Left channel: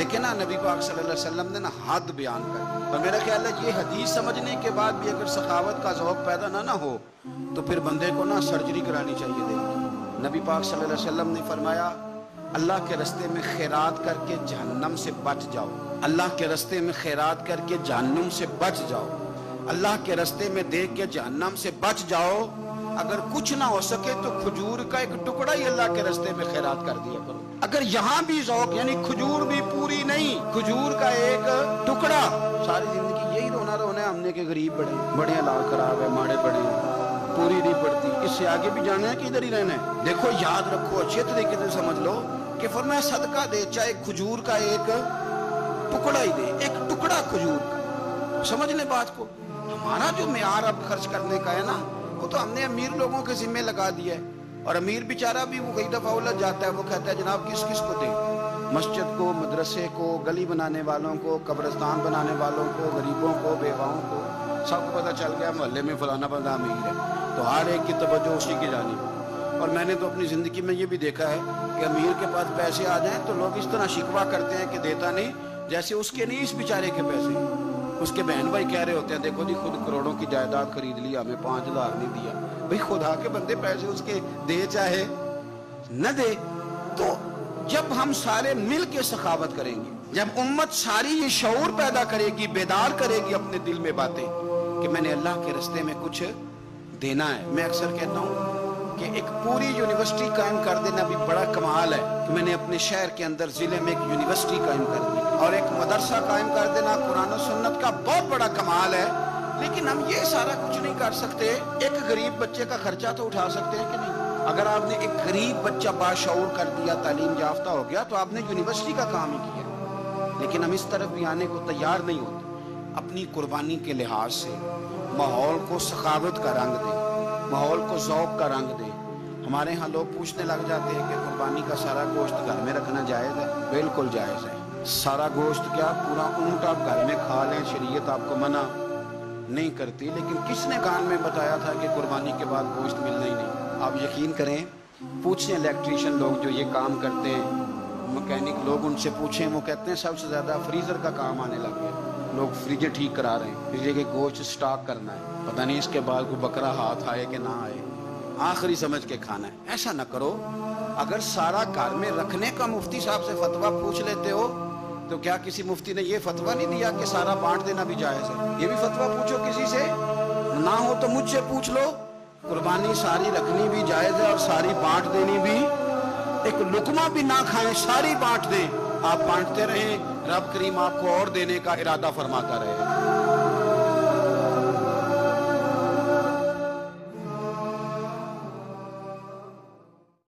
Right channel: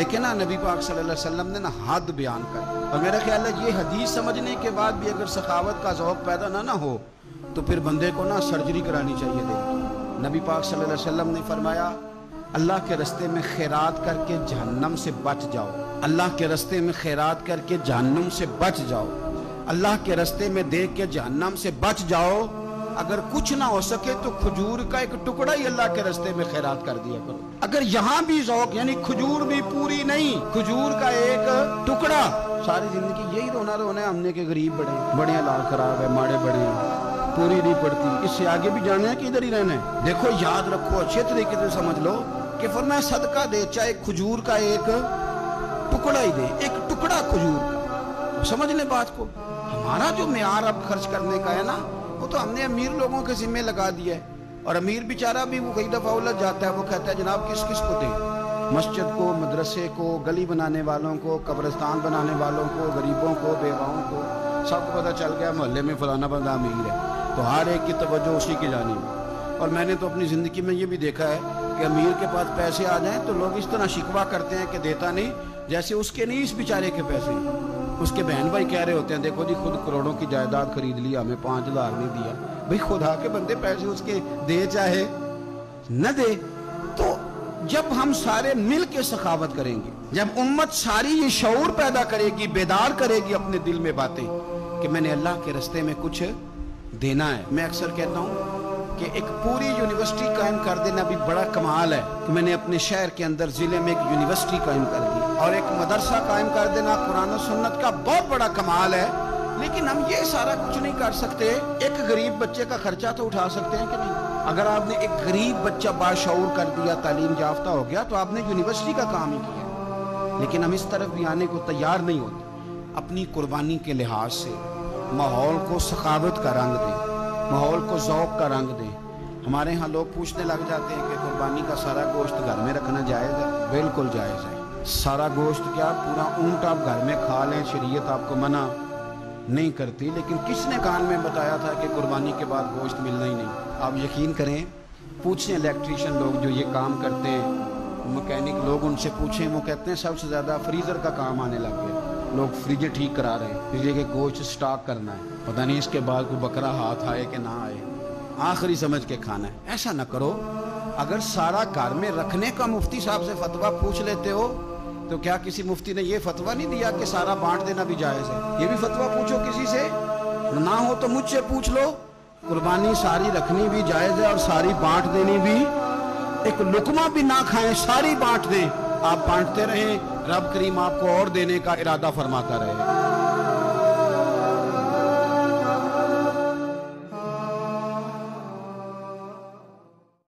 لیکن نا نبی پاک صلی اللہ علیہ وسلم نے نا حد بیان کر، اور میرا خیال ہے یہ حدیث سمجھنے کے بعد بھی اگر سخاوت کا ذوق پیدا نہ ہو تو پھر بندے کو نا سرجری کرانی چاہیے دل کی۔ نبی پاک صلی اللہ علیہ وسلم نے فرمایا اللہ کے رستے میں خیرات کر کے جہنم سے بچ جاؤ، اللہ کے رستے میں خیرات کر کے جہنم سے بچ جاؤ، اللہ کے رستے میں دیکھ کے جہنم سے بچ جاؤ۔ اگر کچھ نہ ہو سکے تو کھجور کا ایک ٹکڑا ہی اللہ کے رستے میں خیرات کر دیا کرو۔ اگر یہاں بھی ذوق یعنی کھجور بھی پوری نہیں، کھجور کا ایک ٹکڑا، ساری زندگی یہی رونا ہے ہم نے کہ غریب بڑے حالات خراب ہے، ماڑے بڑے ہیں، پوری نہیں پڑتی، اس سے آگے بھی جانا ہے کہ ادھر ہی رہنا ہے۔ دیکھو یاد رکھو، اچھے طریقے سے سمجھ لو کہ فرمایا صدقہ دے، چاہے کھجور کا ایک ٹکڑا ہی دے، ایک ٹکڑا کھجور کا۔ سمجھ لیں بات کو، ہمارا جو معیار اب خرچ کرنے کا ہے نا وہ تو ہم نے امیر لوگوں کے ذمہ لگا دیا ہے، اور امیر بیچارہ بھی وہ کئی دفعہ الجھ جاتا ہے، وہ کہتا ہے جناب کس کس کو دیں، مسجد کو، مدرسے کو، گلی بنانے والوں کو، قبرستان بنانے والوں کو، غریبوں کو، بیواؤں کو، سب کو پتہ چل گیا محلے میں فلانا بندہ امیر ہے، تو ہر ایک کی توجہ اسی کی جانب ہے۔ اور میں نے تو اپنی زندگی میں یہ بھی دیکھا ہے کہ امیر کے پاس پیسے آ جائیں تو لوگ اس طرح شکوہ کرتے ہیں کہ دیتا نہیں، جیسے اس کے نہیں اس بیچارے کے پیسے، اس کے بہن بھائی کہہ رہے ہوتے ہیں دیکھو جی خود کروڑوں کی جائیداد خرید لی، ہمیں 5,000 نہیں دیا۔ بھئی خدا کے بندے پیسے اس کے دے چاہے نہ دے۔ تو جب ہم سارے مل کے سخاوت کریں گے، جب امت ساری یہ شعور پیدا کرے گی، بیدار کرے گی اپنے دل میں باتیں کہ میں نے اللہ کے راستے میں کچھ دینا ہے۔ میں اکثر کہتا ہوں کہ ایک پوری یونیورسٹی قائم کر دینا بھی بڑا کمال ہے کہ میں نے اپنے شہر کے اندر ضلع میں ایک یونیورسٹی قائم کر دی، اور ایک مدرسہ قائم کر دینا قرآن و سنت کا بہت بڑا کمال ہے۔ لیکن ہم یہ سارا کچھ نہیں کر سکتے، ایک غریب بچے کا خرچہ تو اٹھا سکتے ہیں کہ نہیں؟ اگر آپ نے ایک غریب بچہ باشعور کر دیا، تعلیم یافتہ ہو گیا، تو آپ نے یونیورسٹی کا کام ہی کیا۔ لیکن ہم اس طرف بھی آنے کو تیار نہیں ہوتے۔ اپنی قربانی کے لحاظ سے ماحول کو سخاوت کا رنگ دیں، ماحول کو ذوق کا رنگ دیں۔ ہمارے ہاں لوگ پوچھنے لگ جاتے ہیں کہ قربانی کا سارا گوشت گھر میں رکھنا جائز ہے؟ بالکل جائز ہے۔ سارا گوشت کیا، پورا اونٹ آپ گھر میں کھا لیں، شریعت آپ کو منع نہیں کرتی، لیکن کس نے کان میں بتایا تھا کہ قربانی کے بعد گوشت ملنا ہی نہیں؟ آپ یقین کریں، پوچھیں الیکٹریشین لوگ جو یہ کام کرتے ہیں، مکینک لوگ، ان سے پوچھیں، وہ کہتے ہیں سب سے زیادہ فریزر کا کام آنے لگ گیا، لوگ فریجیں ٹھیک کرا رہے ہیں، فریجر کے گوشت سٹاک کرنا ہے، پتہ نہیں اس کے بعد کوئی بکرا ہاتھ آئے کہ نہ آئے، آخری سمجھ کے کھانا ہے۔ ایسا نہ کرو۔ اگر سارا گھر میں رکھنے کا مفتی صاحب سے فتویٰ پوچھ لیتے ہو تو کیا کسی مفتی نے یہ فتویٰ نہیں دیا کہ سارا بانٹ دینا بھی جائز ہے؟ یہ بھی فتویٰ پوچھو کسی سے، نہ ہو تو مجھ سے پوچھ لو۔ قربانی ساری رکھنی بھی جائز ہے اور ساری بانٹ دینی بھی، ایک لقمہ بھی نہ کھائیں، ساری بانٹ دیں، آپ بانٹتے رہیں، رب کریم آپ کو اور دینے کا ارادہ فرماتا رہے۔